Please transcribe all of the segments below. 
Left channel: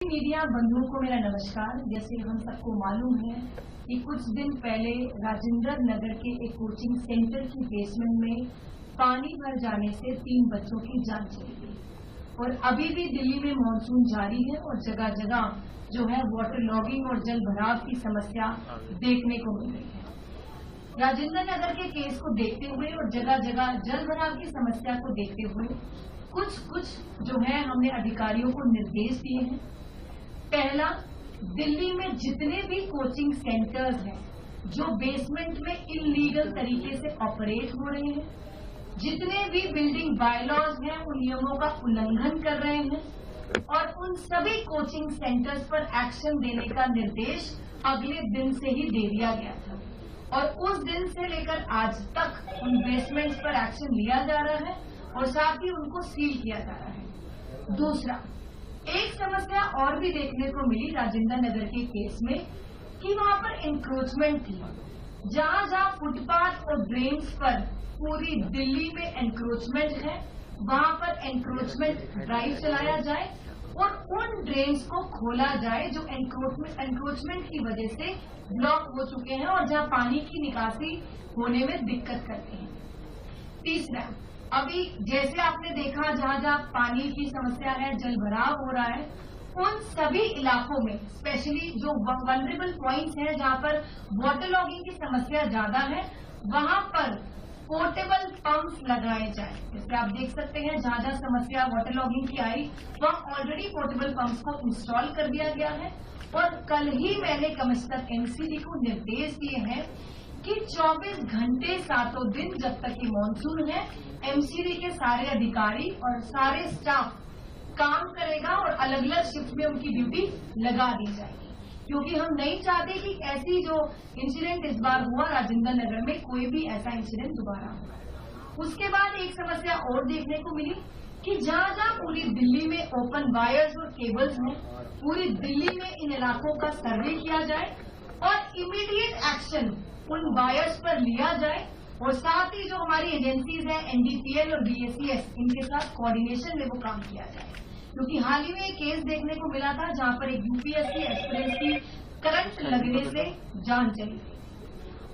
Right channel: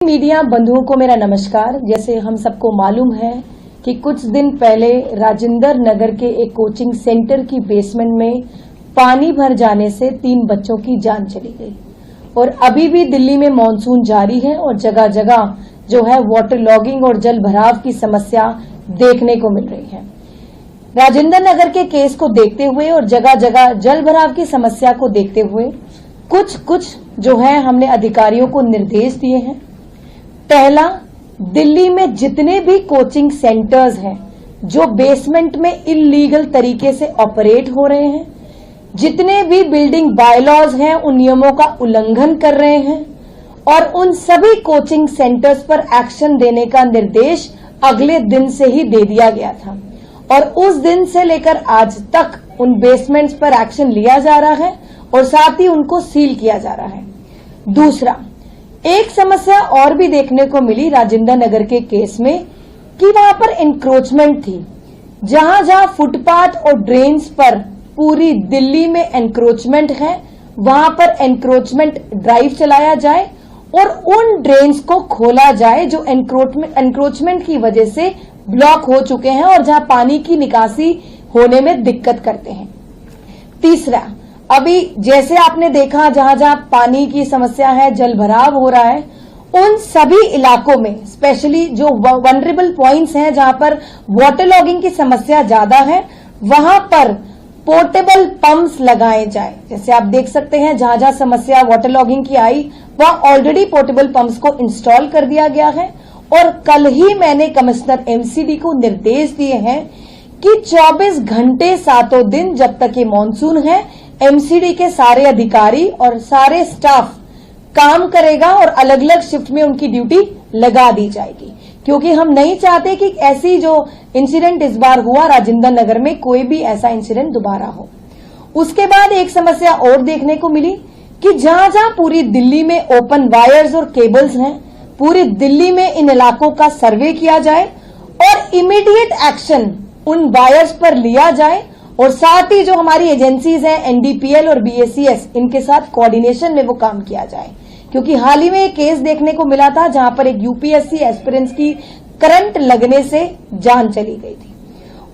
Media बंधुओं को मेरा नमस्कार। जैसे हम सबको मालूम है कि कुछ दिन पहले राजेंद्र नगर के एक कोचिंग सेंटर की बेसमेंट में पानी भर जाने से 3 बच्चों की जान चली गई और अभी भी दिल्ली में मानसून जारी है और जगह जगह जो है वाटर लॉगिंग और जल भराव की समस्या देखने को मिल रही है। राजेंद्र नगर के केस को देखते हुए और जगह जगह जल भराव की समस्या को देखते हुए कुछ जो है हमने अधिकारियों को निर्देश दिए हैं। पहला, दिल्ली में जितने भी कोचिंग सेंटर्स हैं जो बेसमेंट में इल्लीगल तरीके से ऑपरेट हो रहे हैं, जितने भी बिल्डिंग बायलॉज हैं उन नियमों का उल्लंघन कर रहे हैं और उन सभी कोचिंग सेंटर्स पर एक्शन देने का निर्देश अगले दिन से ही दे दिया गया था और उस दिन से लेकर आज तक उन बेसमेंट्स पर एक्शन लिया जा रहा है और साथ ही उनको सील किया जा रहा है। दूसरा, एक समस्या और भी देखने को मिली राजेंद्र नगर के केस में कि वहां पर एनक्रोचमेंट थी। जहां जहां फुटपाथ और ड्रेन्स पर पूरी दिल्ली में एनक्रोचमेंट है, वहां पर एनक्रोचमेंट ड्राइव चलाया जाए और उन ड्रेन्स को खोला जाए जो एनक्रोचमेंट की वजह से ब्लॉक हो चुके हैं और जहां पानी की निकासी होने में दिक्कत करते हैं। तीसरा, अभी जैसे आपने देखा जहां जहां पानी की समस्या है, जल भराव हो रहा है, उन सभी इलाकों में स्पेशली जो वनरेबल पॉइंट्स हैं जहां पर वाटर लॉगिंग की समस्या ज्यादा है, वहां पर पोर्टेबल पंप्स लगाए जाए। जैसे आप देख सकते हैं जहां जहां समस्या वाटर लॉगिंग की आई वहां ऑलरेडी पोर्टेबल पंप्स को इंस्टॉल कर दिया गया है और कल ही मैंने कमिश्नर एमसीडी को निर्देश दिए हैं कि 24 घंटे 7 दिन जब तक ये मानसून है, एमसीडी के सारे अधिकारी और सारे स्टाफ काम करेगा और अलग अलग शिफ्ट में उनकी ड्यूटी लगा दी जाएगी, क्योंकि हम नहीं चाहते कि ऐसी जो इंसिडेंट इस बार हुआ राजेंद्र नगर में कोई भी ऐसा इंसिडेंट दोबारा हो। उसके बाद एक समस्या और देखने को मिली कि जहां जहां पूरी दिल्ली में ओपन वायर्स और केबल्स हैं, पूरी दिल्ली में इन इलाकों का सर्वे किया जाए और इमीडिएट एक्शन उन वायर्स पर लिया जाए और साथ ही जो हमारी एजेंसीज हैं एनडीपीएल और बीएसीएस, इनके साथ कोऑर्डिनेशन में वो काम किया जाए। क्योंकि हाल ही में एक केस देखने को मिला था जहां पर एक यूपीएससी एस्पिरेंट्स की करंट लगने से जान चली गई थी।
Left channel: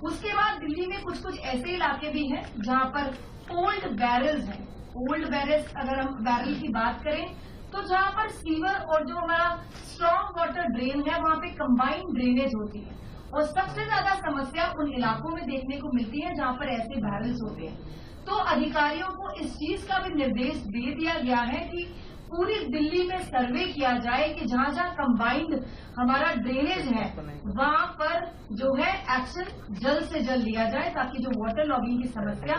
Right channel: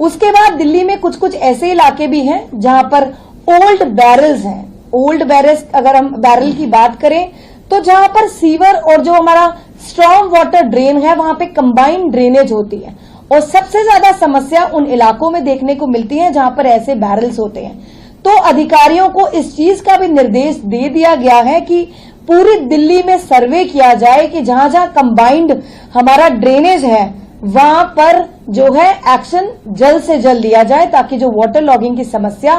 उसके बाद दिल्ली में कुछ ऐसे इलाके भी हैं जहां पर ओल्ड बैरल्स हैं। ओल्ड बैरल्स, अगर हम बैरल की बात करें तो जहां पर सीवर और जो हमारा स्ट्रॉन्ग वाटर ड्रेन है वहां पे कंबाइंड ड्रेनेज होती है और सबसे ज्यादा समस्या उन इलाकों में देखने को मिलती है जहां पर ऐसे बैरल्स होते हैं। तो अधिकारियों को इस चीज का भी निर्देश दे दिया गया है कि पूरी दिल्ली में सर्वे किया जाए कि जहां जहां कंबाइंड हमारा ड्रेनेज है वहां पर जो है एक्शन जल्द से जल्द लिया जाए ताकि जो वाटर लॉगिंग की समस्या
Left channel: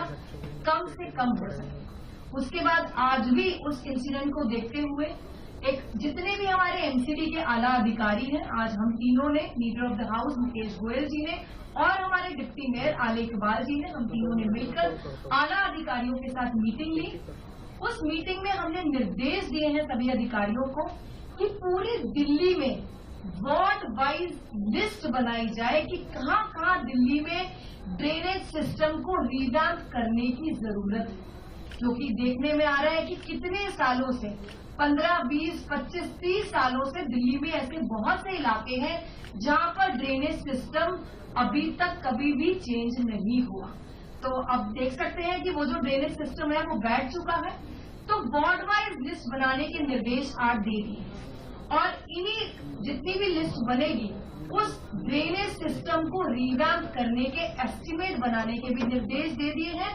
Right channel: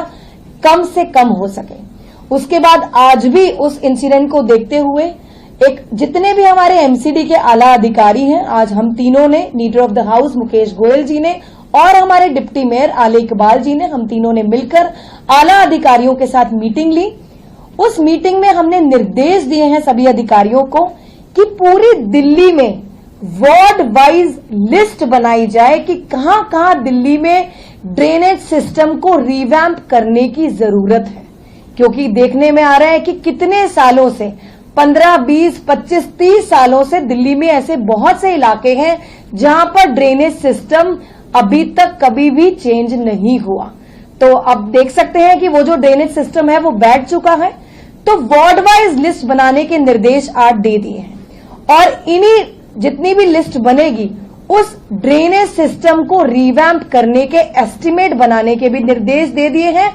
कम से कम हो सके। उसके बाद आज भी उस इंसिडेंट को देखते हुए जितने भी हमारे एमसीडी के आला अधिकारी हैं, आज हम तीनों ने, leader of the house Mukesh Goyal ji ने और हमारे डिप्टी मेयर आले इकबाल जी ने, हम तीनों ने मिलकर आला अधिकारियों के साथ मीटिंग ली। उस मीटिंग में हमने निर्देश दिए हैं सभी अधिकारियों को कि पूरी दिल्ली में वार्ड वाइज लिस्ट बनाई जाए कि कहां कहां दिल्ली में ड्रेनेज सिस्टम को रिवैम्प करने की जरूरत है। क्योंकि देखने में आ रहा है कि कितने सालों से 15, 20, 25, 30 सालों से दिल्ली में ऐसे बहुत से इलाके हैं जहां पर ड्रेनेज सिस्टम अभी तक कभी भी चेंज नहीं हुआ। तो अब देख सकते हैं कि वो जो ड्रेनेज सिस्टम है वो बैठ चुका है। तो वार्ड वाइज लिस्ट बनाने के निर्देश आज दे दिए हैं और इन्हीं जितनी भी लिस्ट बनेगी उस ड्रेनेज सिस्टम को रिवैम्प करने के एस्टिमेट बनाने के भी निर्देश दे दिए हैं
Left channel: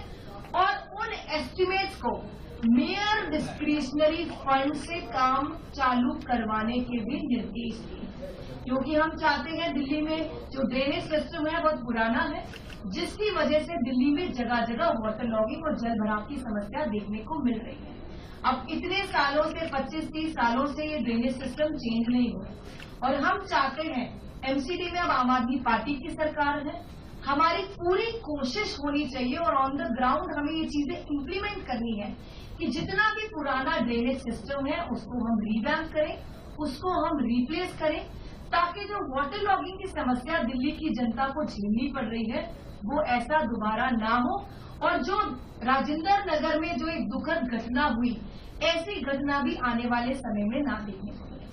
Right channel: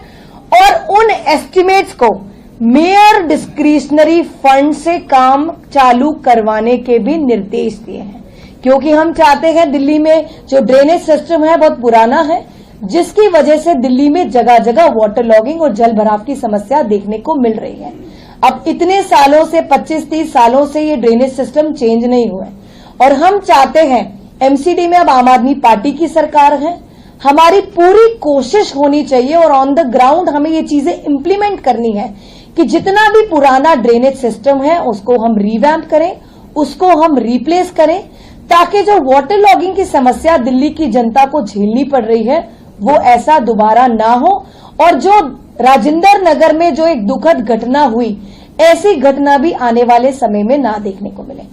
और उन एस्टिमेट्स को मेयर डिस्क्रिशनरी फंड से काम चालू करवाने के भी निर्देश दिए हैं। क्योंकि हम चाहते हैं, दिल्ली में जो ड्रेनेज सिस्टम है बहुत पुराना है जिसकी वजह से दिल्ली में जगह जगह वाटर लॉगिंग और जल भराव की समस्या देखने को मिल रही है। अब इतने सालों से 25-30 सालों से ये ड्रेनेज सिस्टम चेंज नहीं हुए और हम चाहते हैं, एमसीडी में अब आम आदमी पार्टी की सरकार है, हमारी पूरी कोशिश होनी चाहिए और ऑन द ग्राउंड हमें ये चीजें इंप्लीमेंट करनी है कि जितना भी पुराना ड्रेनेज सिस्टम है उसको हम रिवैम्प करें, उसको हम रिप्लेस करें ताकि जो वाटर लॉगिंग की समस्या दिल्ली की जनता को झेलनी पड़ रही है वो ऐसा दोबारा ना हो और जो राजेंद्र नगर में जो एक दुखद घटना हुई ऐसी घटना भी आने वाले समय में ना देखने को मिले।